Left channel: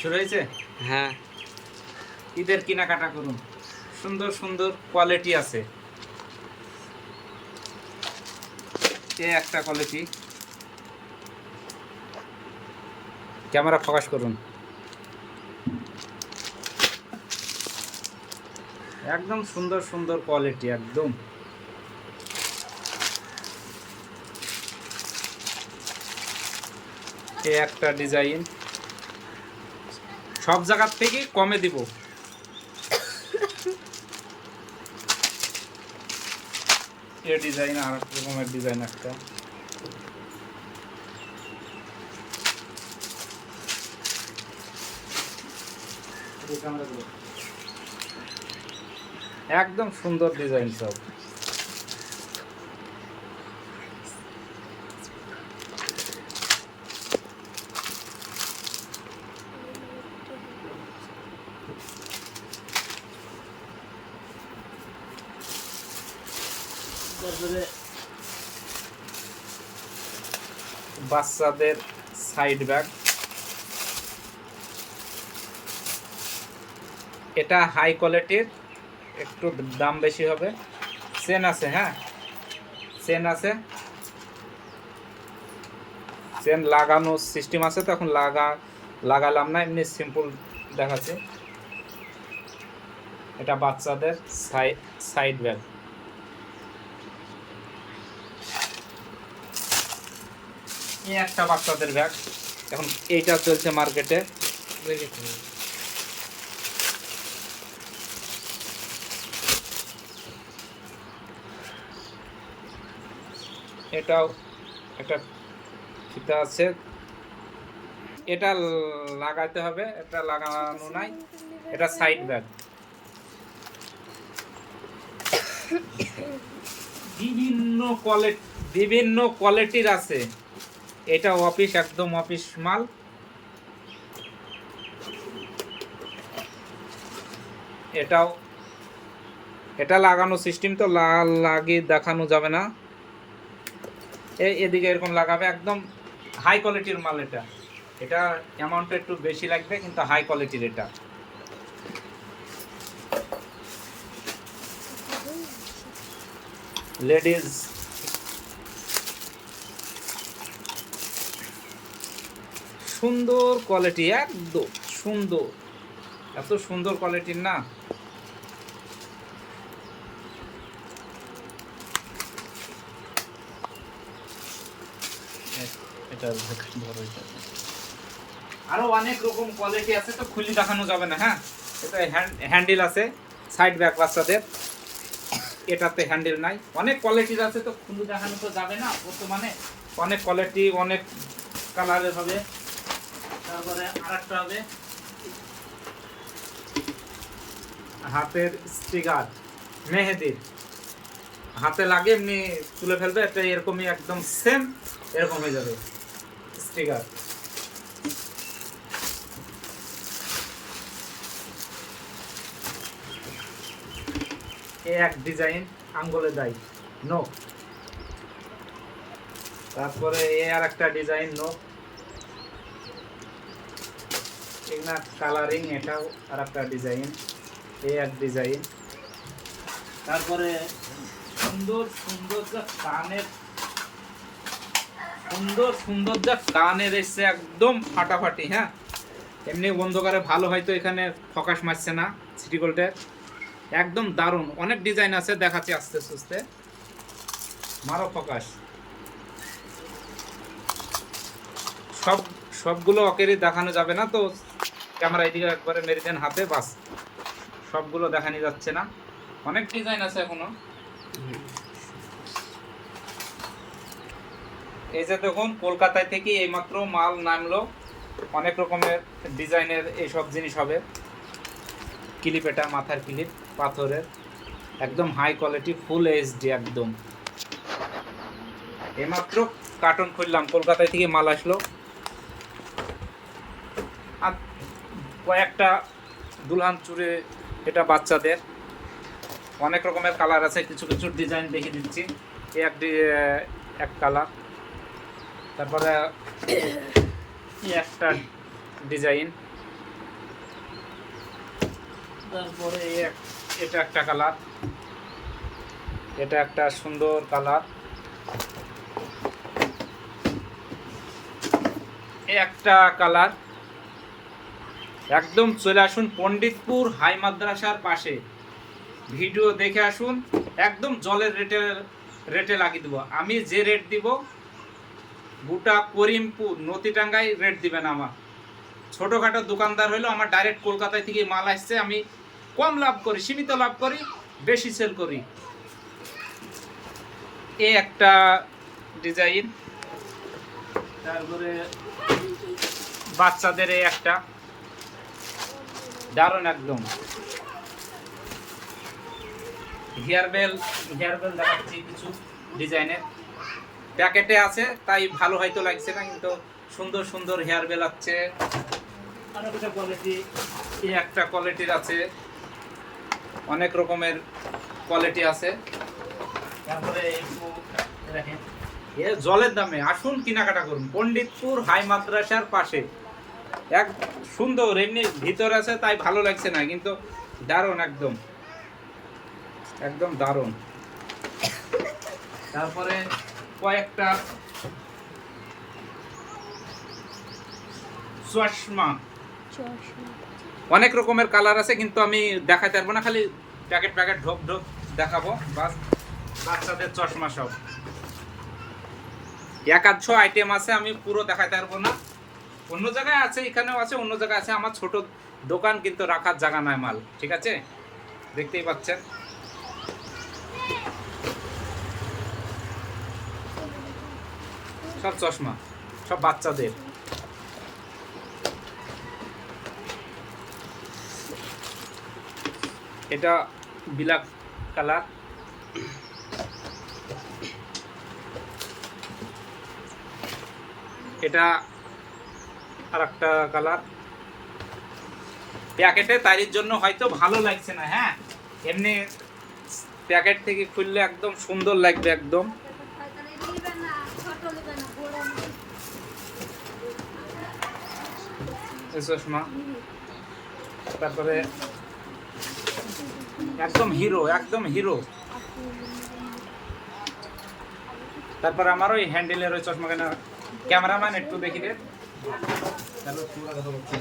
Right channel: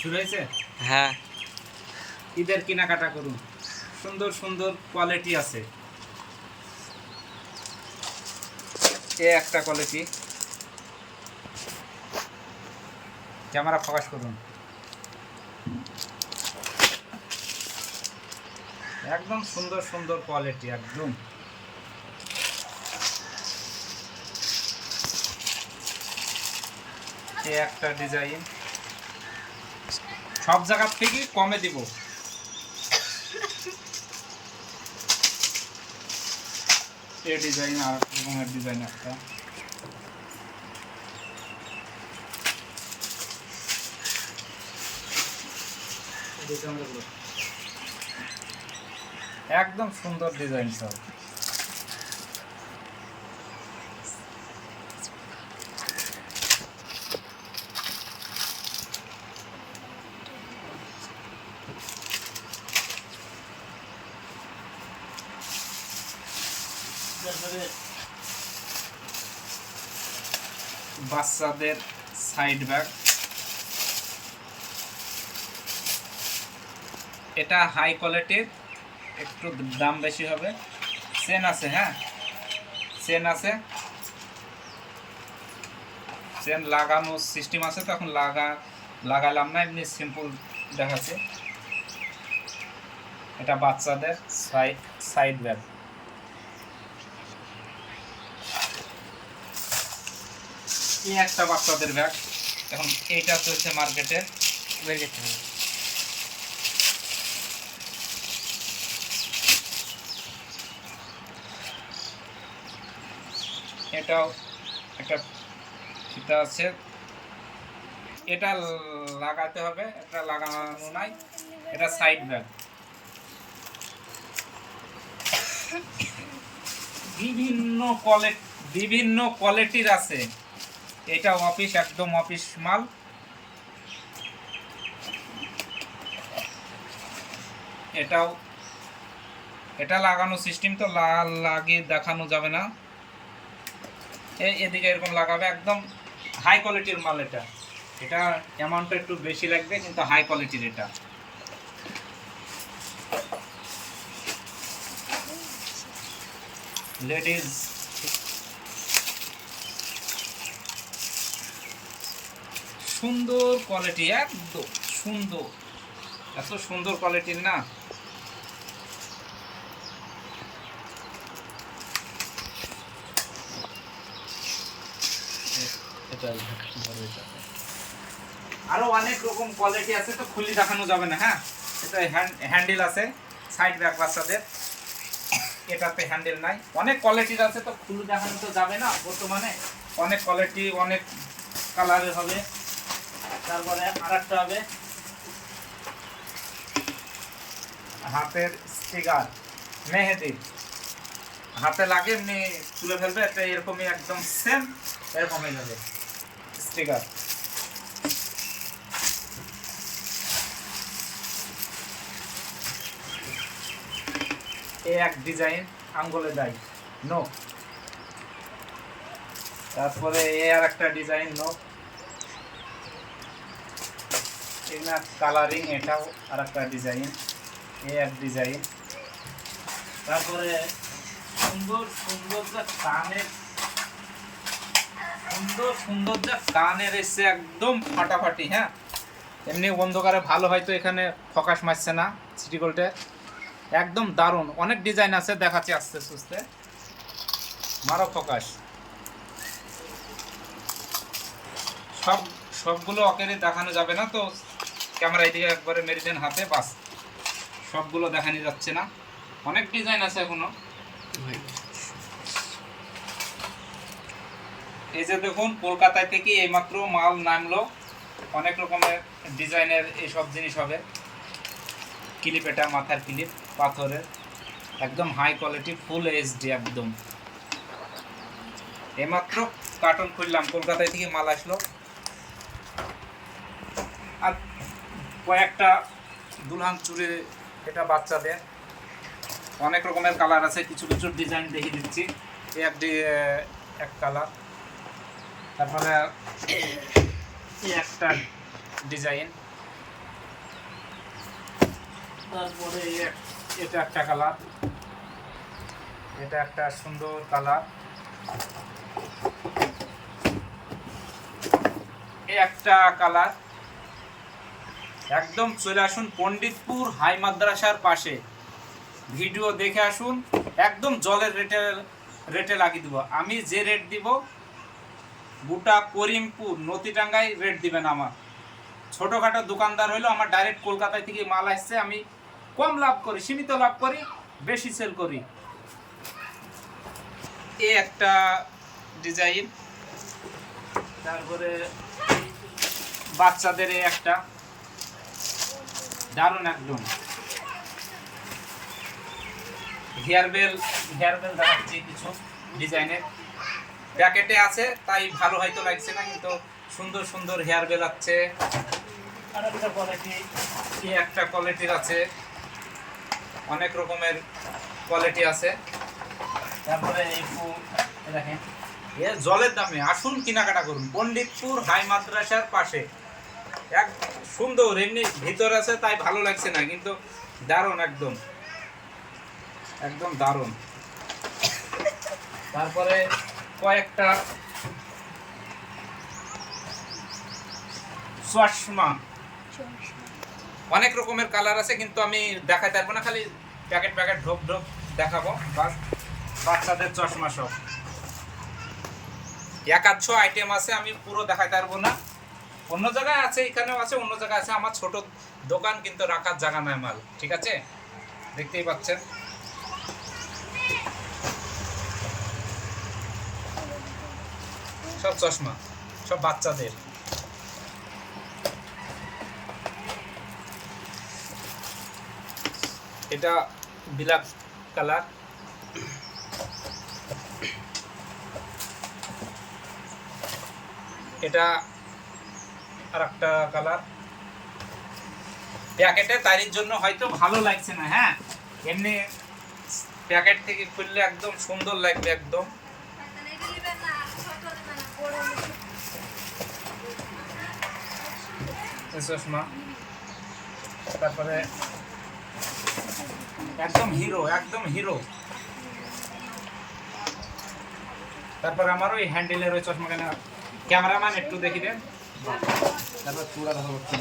শুরু হয়েছে? হ্যাঁ, ঈদের কেনাকাটা করুন, সুন্দর সুন্দর কোয়ালিটি আছে। এ একটা কোয়ালিটি, ক্যামেরা ফোকাস করুন। একদম সুন্দর সুন্দর কোয়ালিটি একদম। এ একটা ডিজাইন, সব জায়গার থেকে কমে দিব। এ ডিজাইন আর এক রকমের ডিজাইন একটা। একদম সুন্দর ডিজাইন সব। বাচ্চাদের সাইড ব্যাগ, এটা হাই কোয়ালিটির, একটু দাম বেশি হবে। চেন আছে, হ্যাঁ চেন আছে, চেন লাগানো সিস্টেম আছে। তো এখন লাগালাম না, এমনি সিম্পল দেখাচ্ছে। এটা বাচ্চাদের সাইড ব্যাগ। এই একটা বাচ্চাদের ব্যাগ, এখন এইটা চলছে মার্কেটে। এটাও একটা ফিতা আছে, এটা লাগাতে হবে, এটা লাগানো নাই। এটা সাইড ব্যাগ, বিভিন্ন কোয়ালিটির আছে। এটা অফিস, একদম অফিস মাল। এটা লাগানো সিস্টেম, তো লাগিয়ে দেখানো যাবে না। এদিকে এরকম লাগাবে, একদম হাই কোয়ালিটির মাল। এটা অ্যামাউন্টটা একটু বেশি লাগবে, কিন্তু হাই কোয়ালিটির। এটা লেডিস, সুন্দর কোয়ালিটি, একদম সুন্দর, এত সুন্দর কোয়ালিটির না। এটা আরো অনেক রকম কোয়ালিটি আছে, তো খুলে দেখানো যাবে না। হ্যাঁ, এটা হ্যান্ডেল আছে, সাইড ব্যাগ বাচ্চাদের। এটাতে হ্যান্ডেল নাই, অনেক কোয়ালিটির আছে, তো খুলে দেখানো তো যাবে না। বর্তমানে অনেক কোয়ালিটি, অনেক কালারের হবে। তারপরে আর একটা হবে হাতের স্টিকার, মেহেদি, হাতে লাগে এমনি তুলে ফেলবে, এটা এরকমই একদম সেম এরকম হয়ে যাবে স্টিকার। এই এক ডিজাইন, আঙ্গুলে দেয় নখ। তারপরে এ আর একটা ডিজাইন নখ, এগুলা কালারিং। এটাও আর একটা ডিজাইন, এ এক ডিজাইন। তারপরে সুন্দর সুন্দর যা কানের, এসছে একদম ফাটাফাটি। হ্যাঁ, এমনি অন্ধকারে ভালো, হয়তো এখানে ফোকাস মারছে না সিটি গোল্ডের। একদম দারুণ, অনেক ডিজাইন আছে, দেখাচ্ছি আস্তে আস্তে। মারো ফোকাস। সবগুলো অকেরই দেখানো যাবে না, তো ক্যামেরা এদিকে একবারে মেরে দেন হাতে, বাস সবগুলো দেখানো যাচ্ছে না, অনেক ডিজাইন আছে এখনো। এই যে দেখুন, কলকাতায় থেকে এইমাত্র মাল নামলো, অনেক রকমের ডিজাইনের এইসব জিনিস হবে। ক্লিপ, এটা মাথার ক্লিপ, পাথরের, একদম হাই কোয়ালিটি, ফুল এইচডি একদম। এইমাত্র কার্টন খুললাম, কলকাতায় থেকে মাল আসলো। আর কয়েকটা দুলহান চুড়ি, এটা বাচ্চাদের, অনেক রকমের কালার আছে, কিছু কিছু ডিজাইন দেখিয়ে দিচ্ছি। এক কালার। তারপরে একটা ডিজাইন, তারপরে এটা একটা কালার, এটা একটা সুন্দর কালার, একটা কালার। একদম চলে আসুন পণ্ডিতপুর হাই মাদ্রাসার পাশে, ভিডিও দেখে আসুন। একদম জলের রেটে লাগিয়ে দেবো। আমি যে রেট দিব গোটা করিমপুর নতিটাঙ্গায় রেট দিবেন। আমার ছোটোখাটো দোকানদার হলেও আমার ডাইরেক্ট কলকাতায় থেকে মাল আসছে, আমি কম লাভ করি, সীমিত লাভ করি, বেশি সেল করি। এই একটা ডিজাইন, তারপরে বাচ্চাদের এই একটা দারুণ একদম হেয়ার বেল দেখাচ্ছি কিছু ডিজাইনের। প্যাকেটে আছে তাই ভালো হয়তো লাগছে না, কিন্তু সুন্দর সুন্দর হেয়ার বেল আছে। আর একটা কোয়ালিটি, এই একটা কোয়ালিটির আছে, অনেক রকমের কোয়ালিটি আছে। তারপরে দেখেন এ জলের দামে আসুন কেনাকাটা করুন পণ্ডিতপুর হাই মাদ্রাসার পাশে। এক সুন্দর, এমনি ভিতর আছে তাই ভালো লাগছে না, কিন্তু দারুণ একদম একদম দারুণ। তারপরে কয়েকটা চশমা, অনেক রকমের কালার আছে, কিন্তু আমি দেখাতে পারবো না, খালি প্যাকেট প্যাকেট ঢোক ঢোক দেখাবো বাস। বাচ্চাদের চশমা সব একাধশো আইটেম আছে, আমি পুরো দেখাতে পারবো না। অন্য জায়গায় আছে, এখানেও আছে, অন্য জায়গায় আছে। আমার ছোট দোকান, কিন্তু রাখার জায়গা নয় মাল, ঠিক আছে? দেখতেই পাচ্ছেন। সব চশমা, সব বাচ্চাদের। এটা ব্ল্যাক কালার, এটা আর একটা কালার। প্যাকেটে তারির জন্য হয়তো ভালো লাগছে না, হ্যাঁ, এমনি প্যাকেট থেকে খুললে একদম সুন্দর লাগবে একদম। চশমা, তারপরে একদম হিরো, একদম হিরো। তারপরে আমার ওই হ্যান্ডেলের ওই চশমা কেনা, ক্যামেরাম্যান একটু দেখি দেন। তারপর চূড়া কথা বলছি।